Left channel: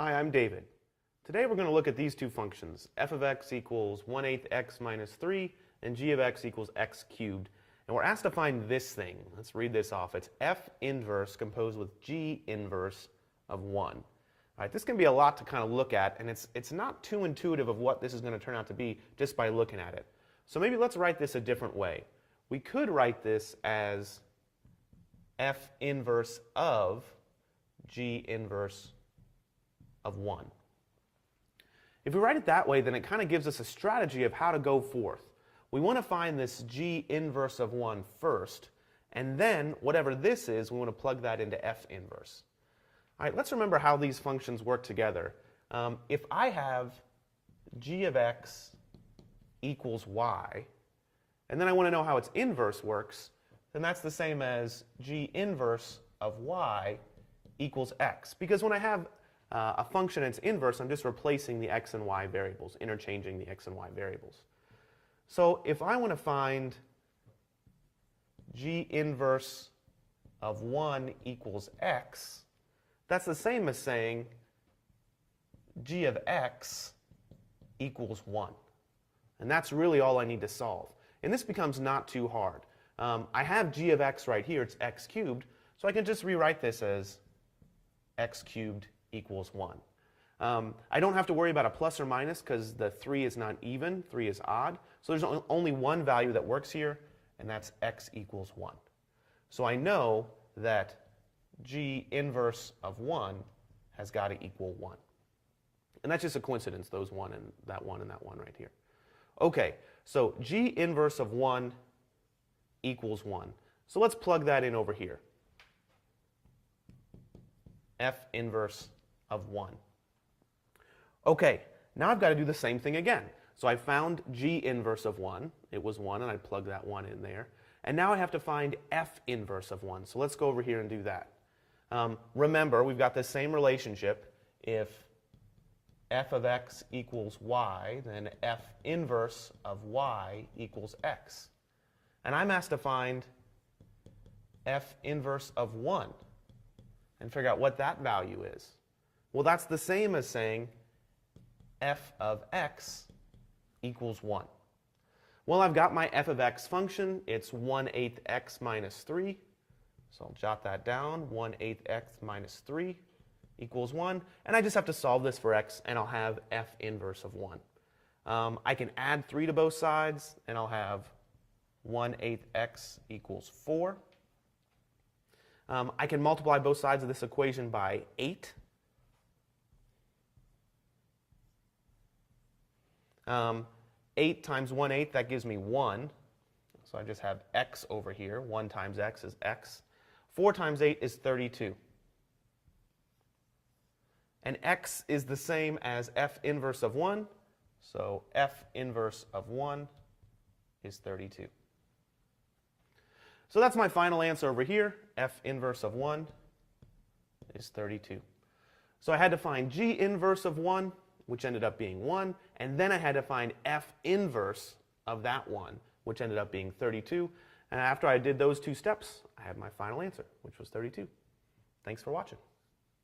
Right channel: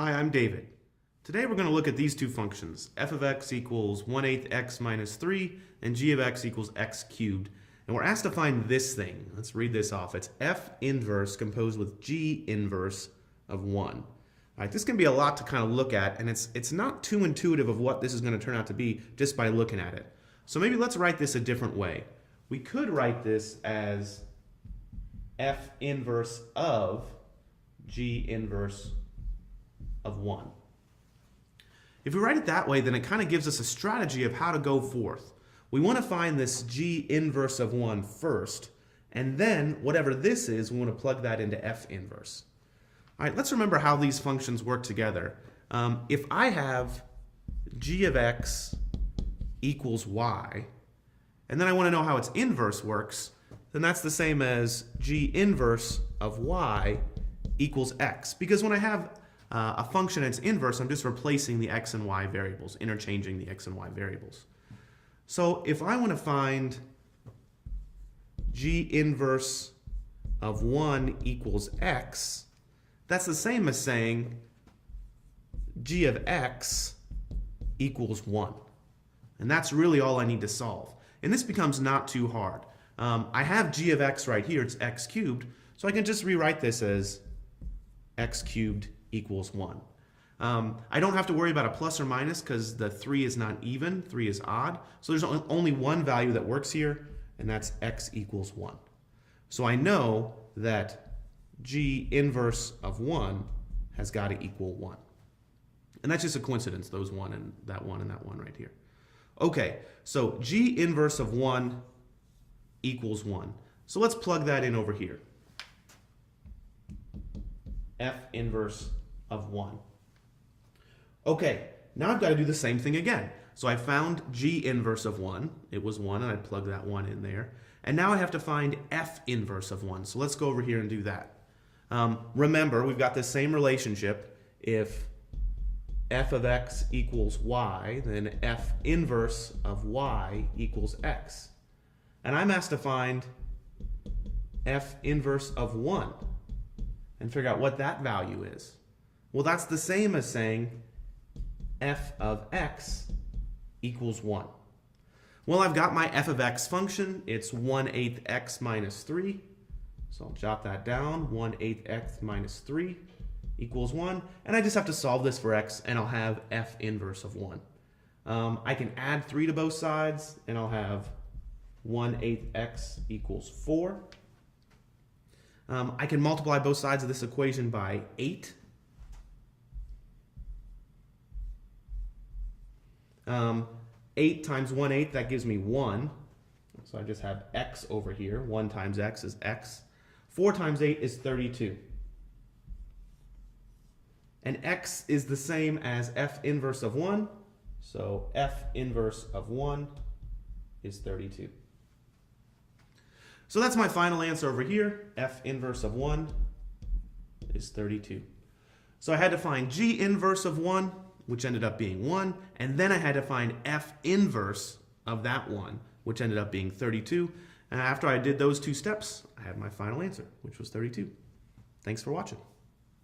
Hi, I'm David. Today we're going to look at these two functions, f of x equals 1/8 x minus 3 and g of x equals x cubed. And we're asked to find this thing. Let's read this off. It's f inverse composed with g inverse of 1. All right, this can be a lot to kind of look at, and it's not too intuitive of what this is going to turn out to be just by looking at it. So maybe let's write this a different way. We could write this as f inverse of g inverse of 1. If we write it that way, then it kind of gives us a strategy of how to go forth. We want to find this g inverse of 1 first, and then whatever this is, we want to plug that into f inverse. All right, let's remember how these functions work together. If I have g of x equals y, and then I want to know how its inverse works, then that's the same as g inverse of y equals x. Because when I have a function and its inverse, I'm just replacing the x and y variables, interchanging the x and y variables. So if I want to find g inverse of 1 equals x, that's the same as saying g of x equals 1. And that's really all I need to solve. And this becomes not too hard. I have g of x right here, it's x cubed, so I can just rewrite this as x cubed equals 1. I don't have to worry about a plus or minus because the 3 is not even, 3 is odd. So there's only one value that works here, and that's x equals 1. So I know that g inverse of 1 has got to equal 1. And that's just a coincidence, those 1 and that 1 and that 1 right here. Okay, so g inverse of 1 equals 1. So let's plug that in over here. F inverse of 1. Okay, now I've got to do the same thing again. So I found g inverse of 1. It was 1, and I plugged that 1 in there. And now I have to find f inverse of 1. So let's go over here and do that. Remember, we've got the same relationship. If f of x equals y, then f inverse of y equals x. And I'm asked to find f inverse of 1 and figure out what that value is. Well, that's the same as saying f of x equals 1. Well, I've got my f of x function. It's 1/8 x minus 3. So I'll jot that down. 1/8 x minus 3 equals 1. And I just have to solve this for x, and I'll have f inverse of 1. I can add 3 to both sides, and I'll have 1/8 x equals 4. I can multiply both sides of this equation by 8. 8 times 1/8, that gives me 1. So I just have x over here. 1 times x is x. 4 times 8 is 32. And x is the same as f inverse of 1. So f inverse of 1 is 32. So that's my final answer over here. F inverse of 1 is 32. So I had to find g inverse of 1, which ended up being 1, and then I had to find f inverse of that 1, which ended up being 32. And after I did those two steps, I had my final answer, which was 32. Thanks for watching.